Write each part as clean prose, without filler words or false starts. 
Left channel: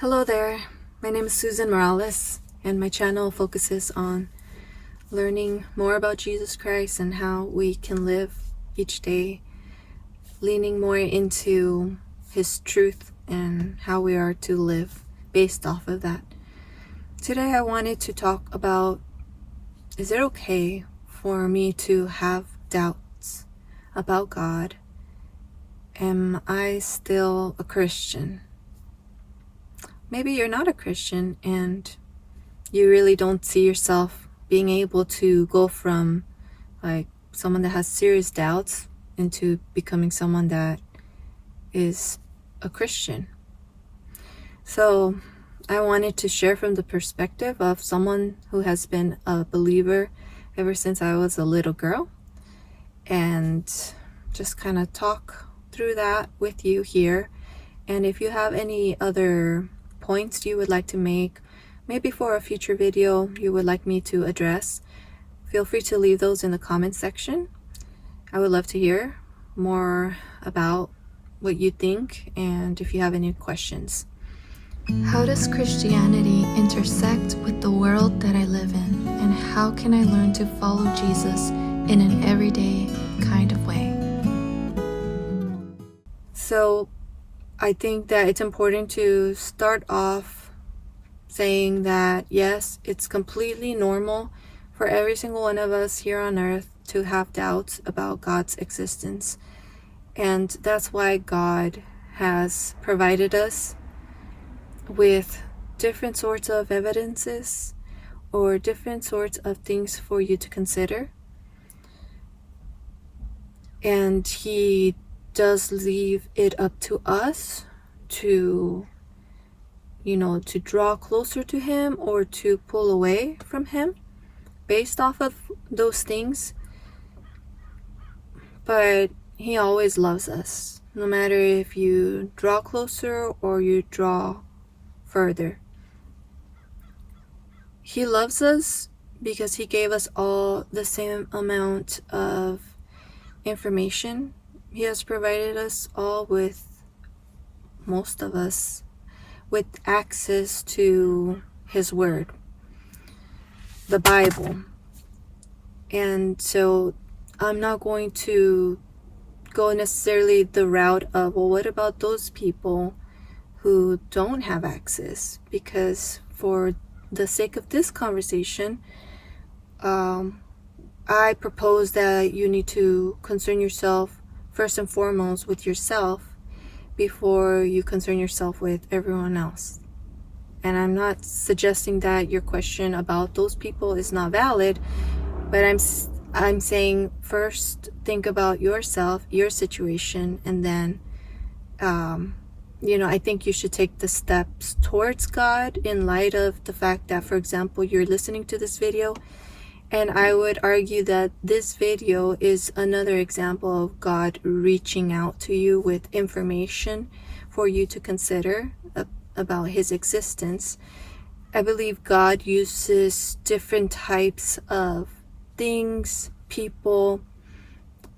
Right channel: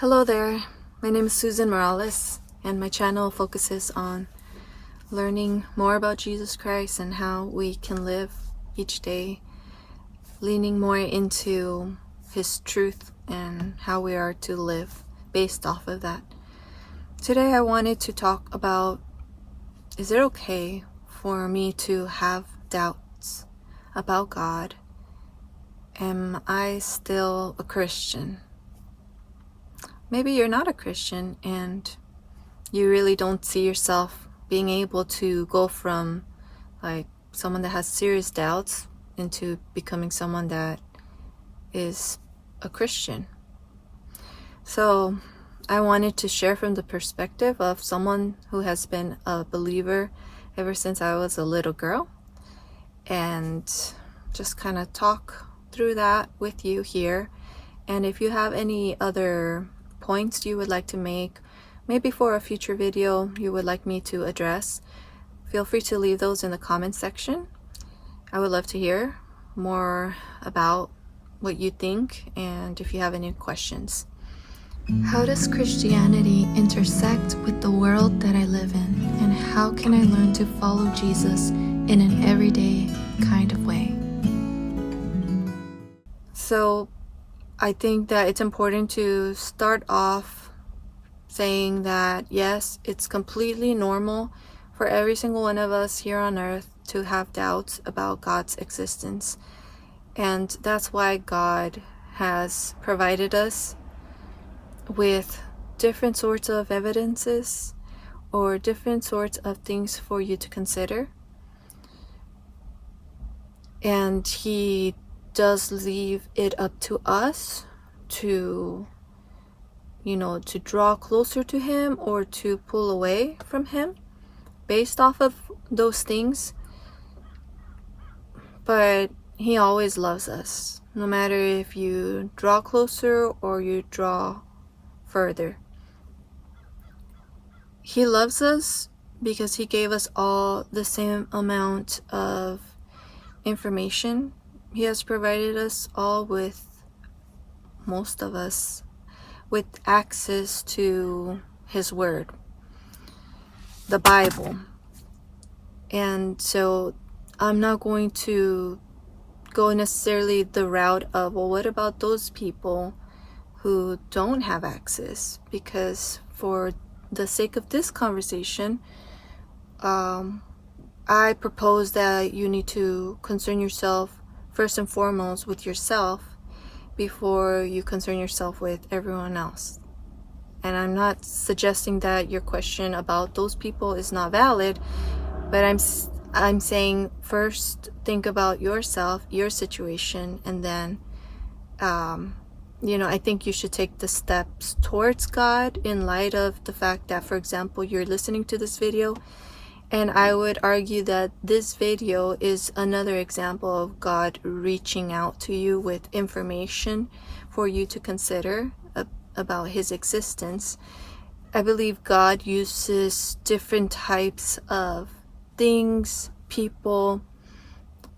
Hello there, my name is Susan Morales, and my channel focuses on learning more about Jesus Christ and how we can live each day, leaning more into His truth and how we are to live based off of that. Today I wanted to talk about, is it okay for me to have doubts about God? Am I still a Christian? Maybe you're not a Christian and you really don't see yourself being able to go from like someone that has serious doubts into becoming someone that is a Christian. So I wanted to share from the perspective of someone who has been a believer ever since I was a little girl, and just kind of talk through that with you here. And if you have any other points you would like to make, maybe for a future video you would like me to address, feel free to leave those in the comment section. I would love to hear more about what you think and if you have any questions. How does Christianity intersect with the world that I live in, and how can I learn to follow Jesus in an everyday kind of way? So I think that it's important to start off saying that yes, it's completely normal for every single one of us here on earth to have doubts about God's existence. And that's why God has provided us with different sorts of evidences or different sorts of things for you to consider. And He does leave it up to us to, to draw closer to Him or to pull away from Him based off of those things. But He always loves us, no matter if you draw closer or you draw further. He loves us because He gave us all the same amount of information. He has provided us all with, most of us, with access to His Word, the Bible. And so I'm not going to go necessarily the route of, well, what about those people who don't have access? Because for the sake of this conversation, I propose that you need to concern yourself first and foremost with yourself before you concern yourself with everyone else. And I'm not suggesting that your question about those people is not valid, but I'm saying first think about yourself, your situation, and then I think you should take the steps towards God in light of the fact that, for example, you're listening to this video. And I would argue that this video is another example of God reaching out to you with information for you to consider about His existence. I believe God uses different types of things, people,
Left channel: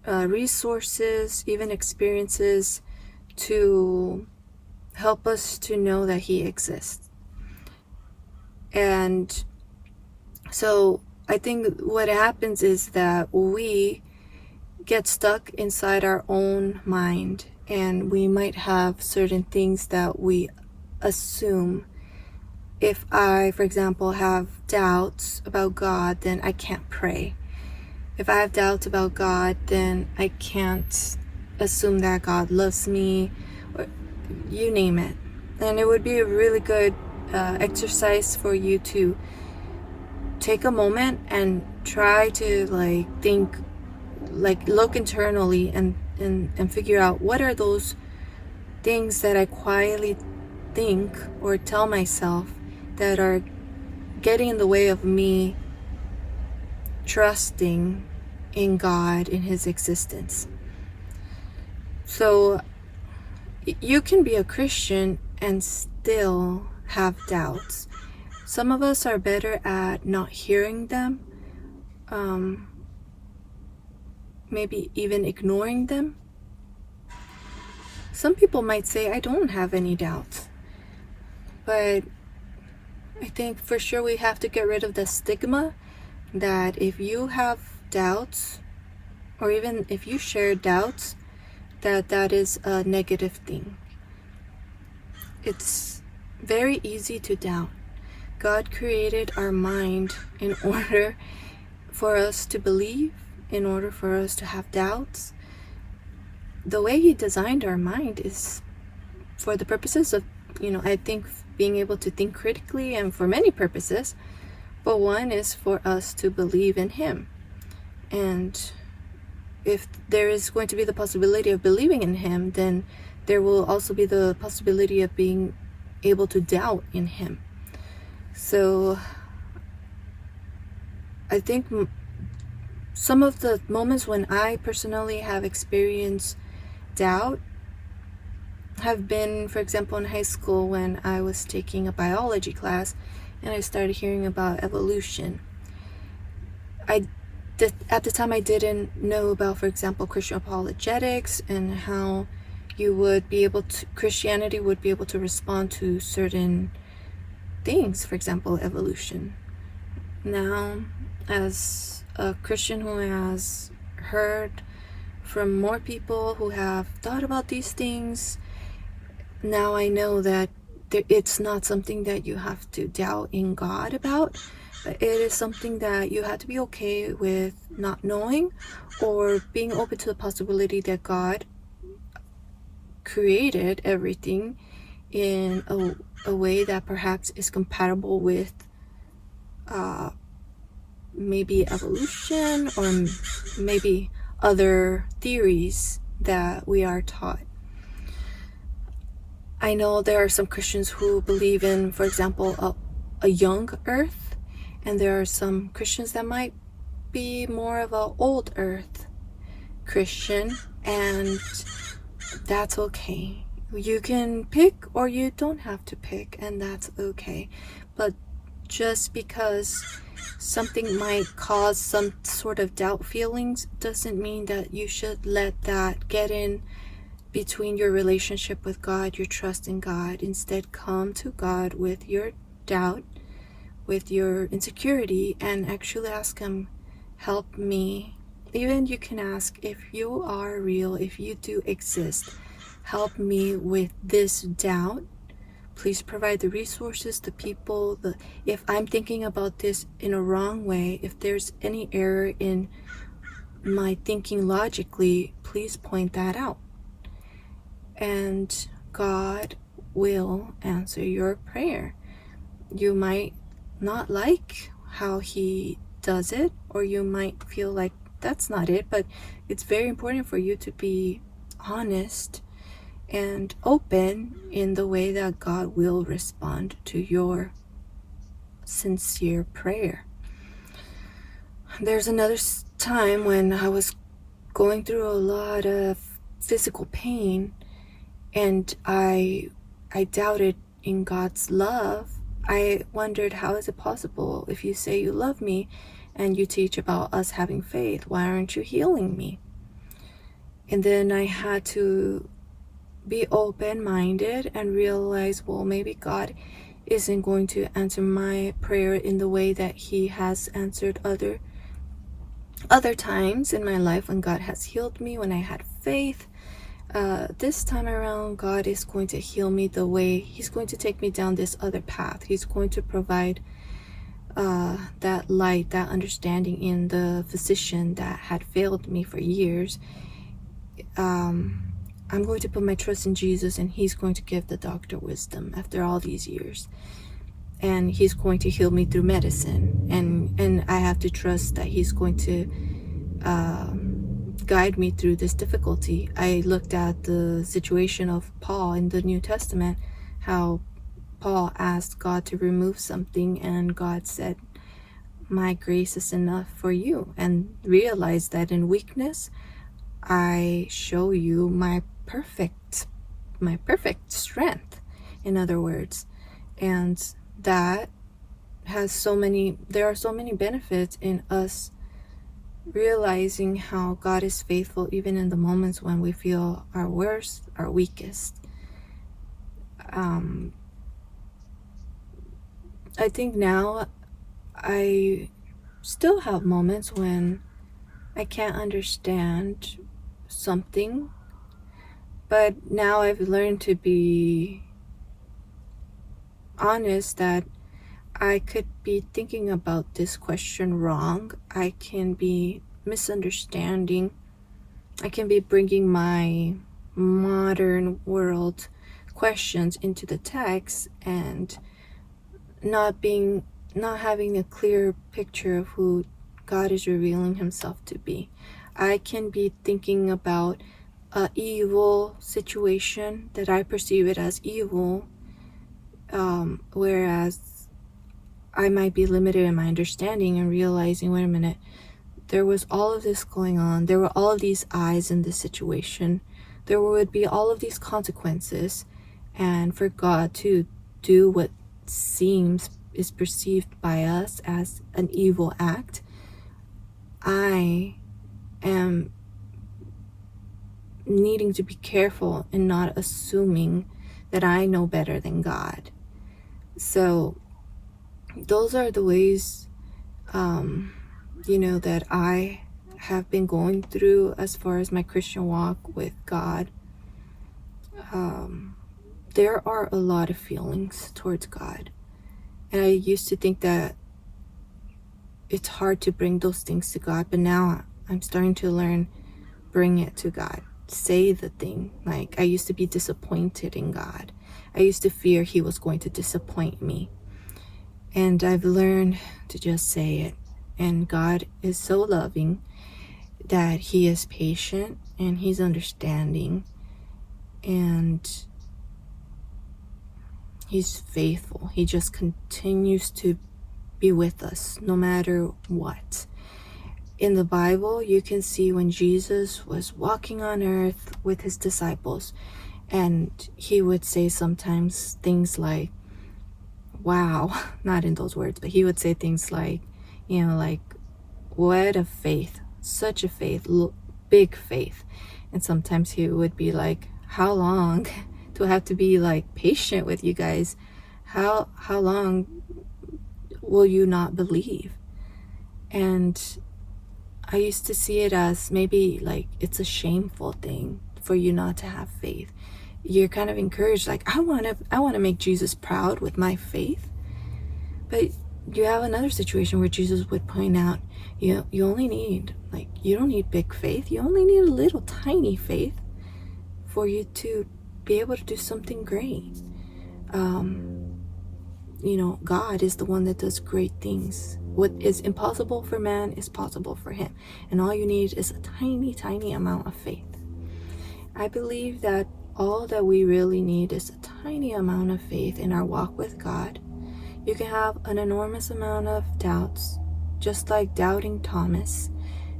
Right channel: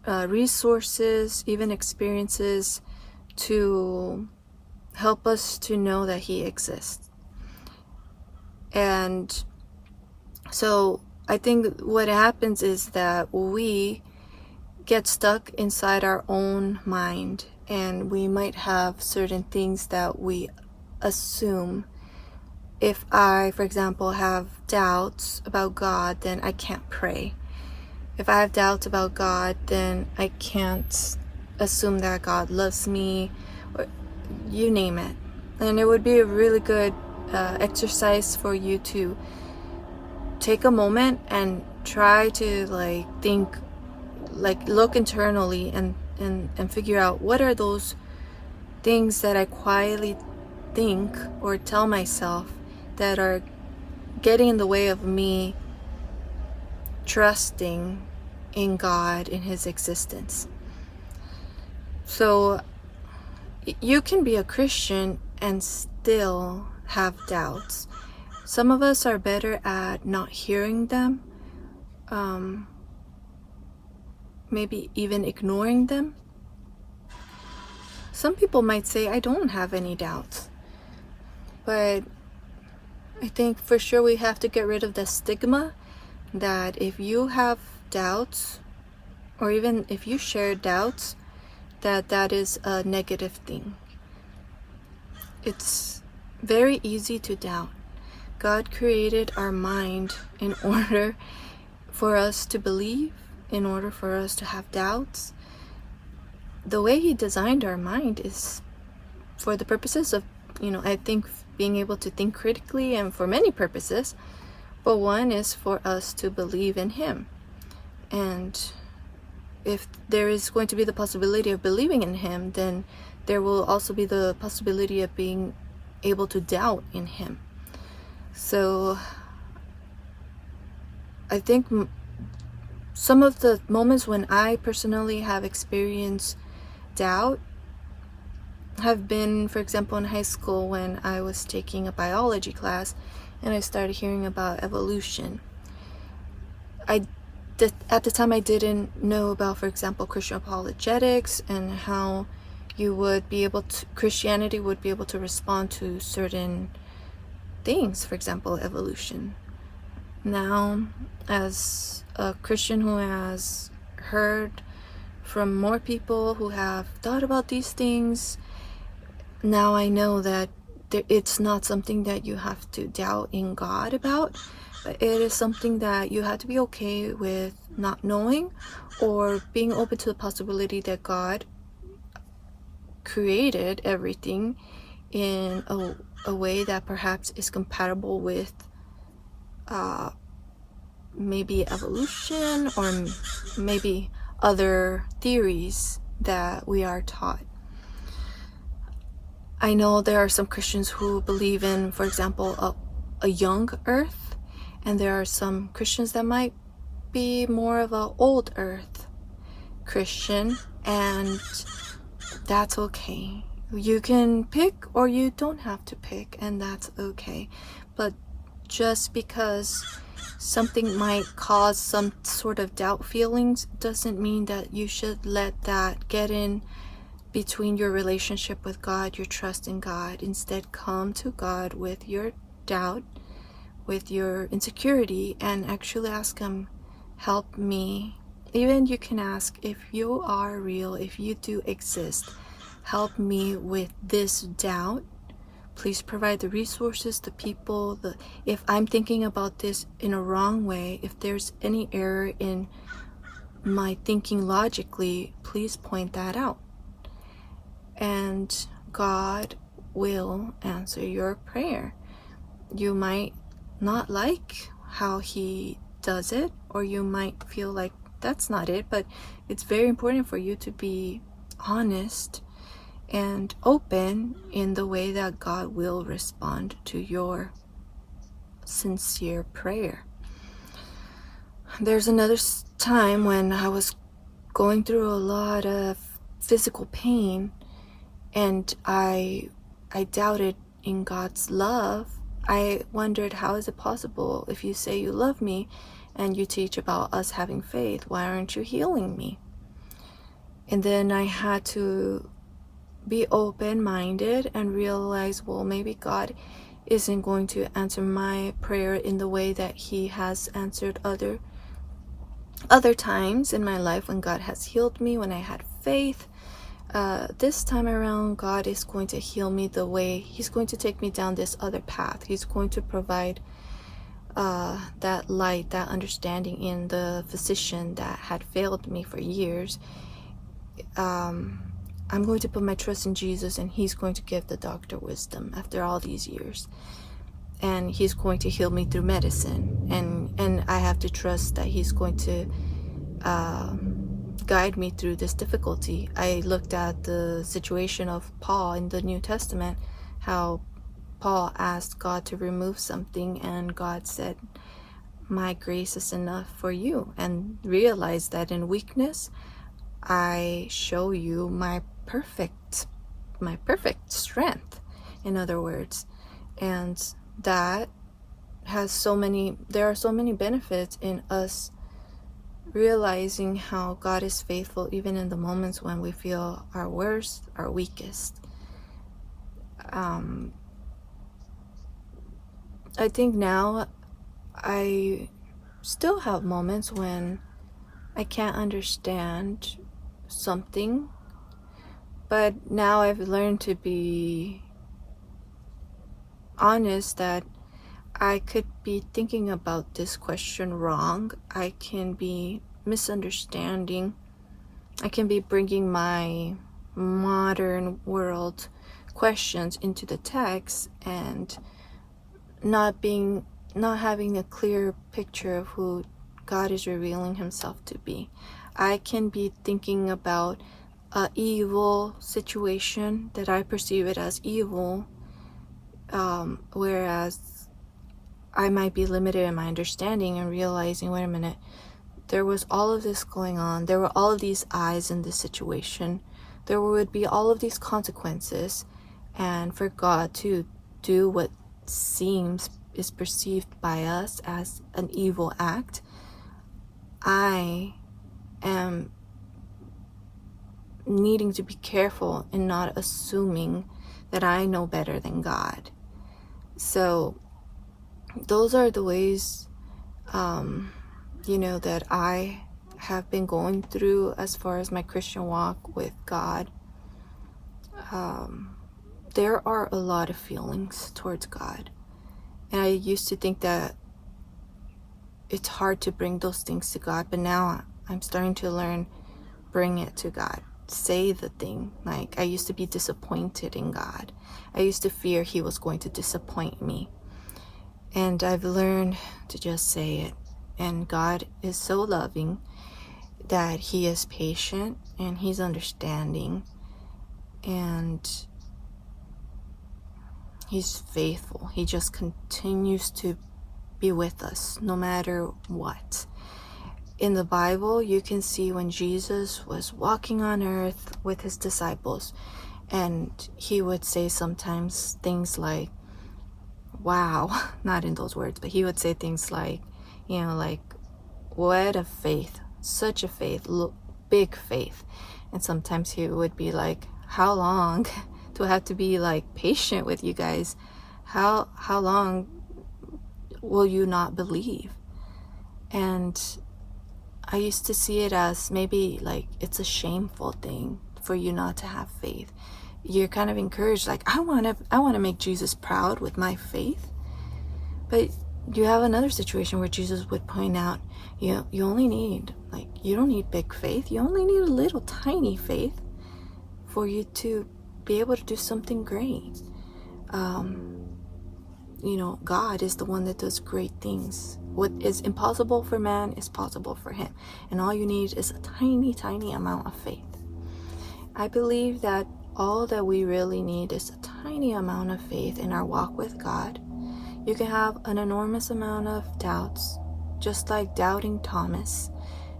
resources, even experiences to help us to know that He exists. And so I think what happens is that we get stuck inside our own mind, and we might have certain things that we assume. If I, for example, have doubts about God, then I can't pray. If I have doubts about God, then I can't assume that God loves me, or you name it. And it would be a really good exercise for you to take a moment and try to look internally and figure out what are those things that I quietly think or tell myself that are getting in the way of me trusting in God, in His existence. So you can be a Christian and still have doubts. Some of us are better at not hearing them, maybe even ignoring them. Some people might say, I don't have any doubts. But I think for sure we have to get rid of the stigma that if you have doubts, or even if you share doubts, that is a negative thing. It's very easy to doubt. God created our mind in order for us to believe, in order for us to have doubts. The way He designed our mind is for the purposes of, I think being able to think critically, and for many purposes. But one is for us to believe in Him. And if there is going to be the possibility of believing in Him, then there will also be the possibility of being able to doubt in Him. So I think some of the moments when I personally have experienced doubt have been, for example, in high school when I was taking a biology class and I started hearing about evolution. At the time I didn't know about, for example, Christian apologetics and how Christianity would be able to respond to certain things, for example, evolution. Now, as a Christian who has heard from more people who have thought about these things, now I know that it's not something that you have to doubt in God about, but it is something that you have to be okay with not knowing, or being open to the possibility that God created everything in a way that perhaps is compatible with maybe evolution, or maybe other theories that we are taught. I know there are some Christians who believe in, for example, a young earth, and there are some Christians that might be more of an old earth Christian, and that's okay. You can pick, or you don't have to pick, and that's okay. But just because something might cause some sort of doubt feelings doesn't mean that you should let that get in between your relationship with God, your trust in God. Instead, come to God with your doubt, with your insecurity, and actually ask Him, help me. Even you can ask, if you are real, if you do exist, help me with this doubt. Please provide the resources, the people, if I'm thinking about this in a wrong way, if there's any error in my thinking logically, please point that out. And God will answer your prayer. You might not like how He does it, or you might feel like that's not it, but it's very important for you to be honest and open in the way that God will respond to your sincere prayer. There's another time when I was going through a lot of physical pain, and I doubted in God's love. I wondered, how is it possible? If you say you love me and you teach about us having faith, why aren't you healing me? And then I had to be open-minded and realize, well, maybe God isn't going to answer my prayer in the way that He has answered other times in my life when God has healed me, when I had faith. This time around, God is going to heal me the way He's going to take me down this other path. He's going to provide that light, that understanding in the physician that had failed me for years. I'm going to put my trust in Jesus, and He's going to give the doctor wisdom after all these years. And He's going to heal me through medicine. And I have to trust that He's going to guide me through this difficulty. I looked at the situation of Paul in the New Testament, how Paul asked God to remove something, and God said, my grace is enough for you, and realized that in weakness I show you my perfect strength, in other words. And that has there are so many benefits in us realizing how God is faithful even in the moments when we feel our worst, our weakest. I think now I still have moments when I can't understand something, but now I've learned to be honest that I could be thinking about this question wrong. I can be misunderstanding. I can be bringing my modern world questions into the text and not having a clear picture of who God is revealing himself to be. I can be thinking about an evil situation that I perceive it as evil, whereas I might be limited in my understanding and realizing, wait a minute, there was all of this going on. There were all of these eyes in this situation. There would be all of these consequences. And for God to do what is perceived by us as an evil act, I am needing to be careful and not assuming that I know better than God. So those are the ways, that I have been going through as far as my Christian walk with God. There are a lot of feelings towards God. And I used to think that it's hard to bring those things to God, but now I'm starting to learn, bring it to God. Say the thing. Like, I used to be disappointed in God. I used to fear he was going to disappoint me. And I've learned to just say it. And God is so loving that he is patient and he's understanding and he's faithful. He just continues to be with us no matter what. In the Bible, you can see when Jesus was walking on earth with his disciples, and he would say sometimes things like, wow, not in those words, but he would say things like, what a faith, such a faith, big faith. And sometimes he would be like, how long do I have to be patient with you guys? How long will you not believe? And I used to see it as maybe it's a shameful thing for you not to have faith. You're kind of encouraged, I want to make Jesus proud with my faith. But you have another situation where Jesus would point out, you only need, you don't need big faith. You only need a little tiny faith for you to be able to do something great. God is the one that does great things. What is impossible for man is possible for him. And all you need is a tiny, tiny amount of faith. I believe that all that we really need is a tiny amount of faith in our walk with God. You can have an enormous amount of doubts, just like doubting Thomas,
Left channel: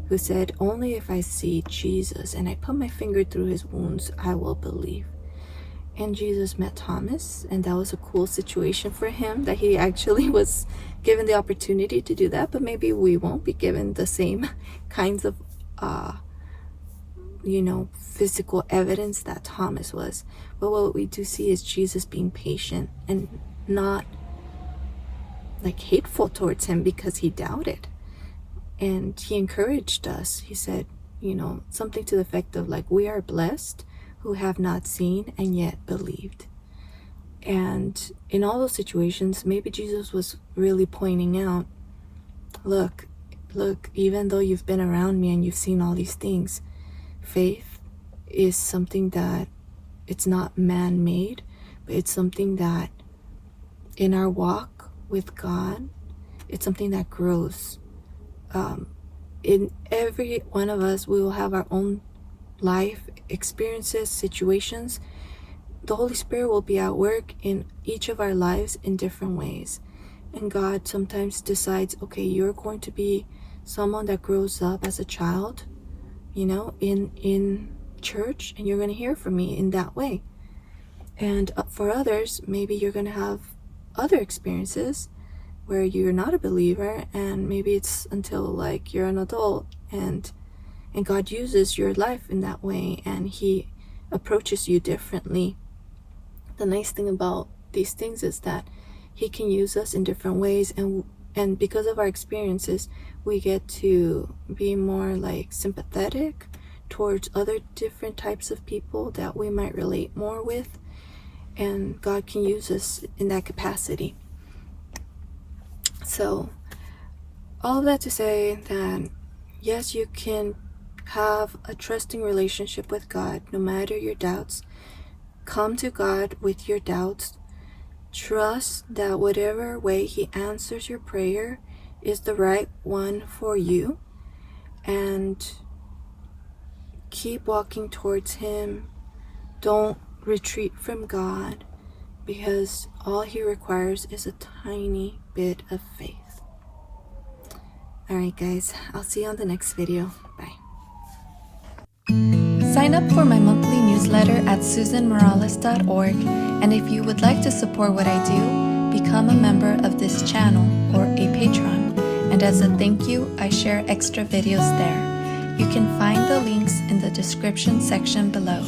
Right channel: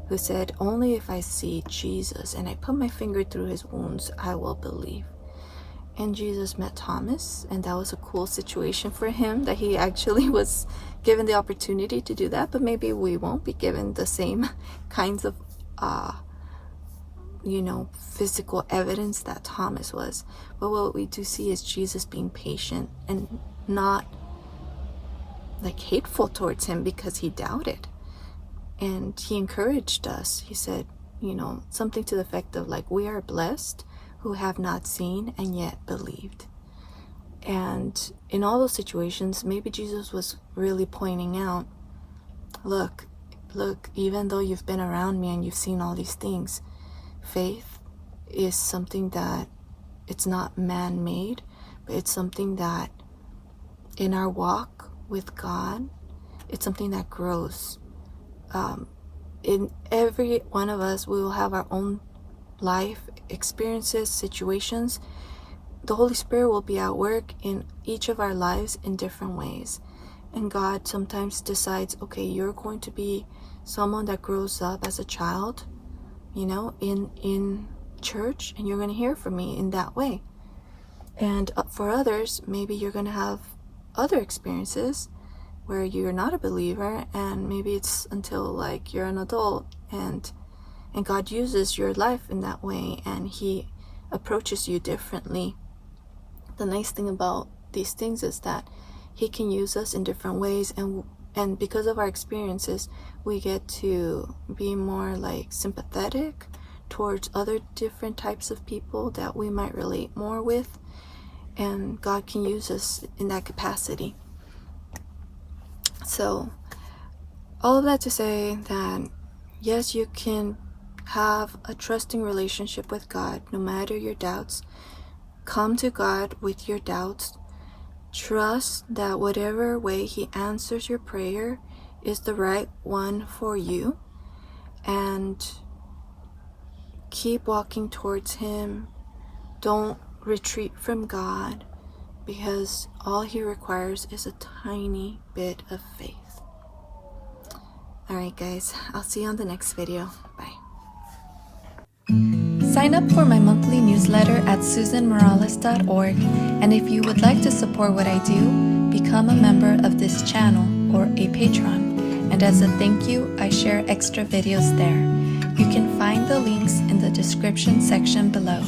who said, only if I see Jesus and I put my finger through his wounds, I will believe. And Jesus met Thomas, and that was a cool situation for him, that he actually was given the opportunity to do that. But maybe we won't be given the same kinds of physical evidence that Thomas was. But what we do see is Jesus being patient and not hateful towards him because he doubted. And he encouraged us. He said, something to the effect of we are blessed who have not seen and yet believed. And in all those situations, maybe Jesus was really pointing out, look, even though you've been around me and you've seen all these things, faith is something that it's not man-made, but it's something that in our walk with God, it's something that grows. In every one of us, we will have our own life experiences, situations. The Holy Spirit will be at work in each of our lives in different ways. And God sometimes decides, okay, you're going to be someone that grows up as a child, in church, and you're going to hear from me in that way. And for others, maybe you're going to have other experiences where you're not a believer, and maybe it's until you're an adult, and God uses your life in that way, and he approaches you differently. The nice thing about these things is that He can use us in different ways, and because of our experiences, we get to be more like sympathetic towards other different types of people that we might relate more with, and God can use us in that capacity. So all of that to say that yes, you can have a trusting relationship with God no matter your doubts. Come to God with your doubts. Trust that whatever way He answers your prayer is the right one for you, and keep walking towards Him. Don't retreat from God, because all He requires is a tiny bit of faith. Alright guys, I'll see you on the next video. Bye. Sign up for my monthly newsletter at SusanMorales.org, and if you would like to support what I do, become a member of this channel or a patron, and as a thank you, I share extra videos there. You can find the links in the description section below.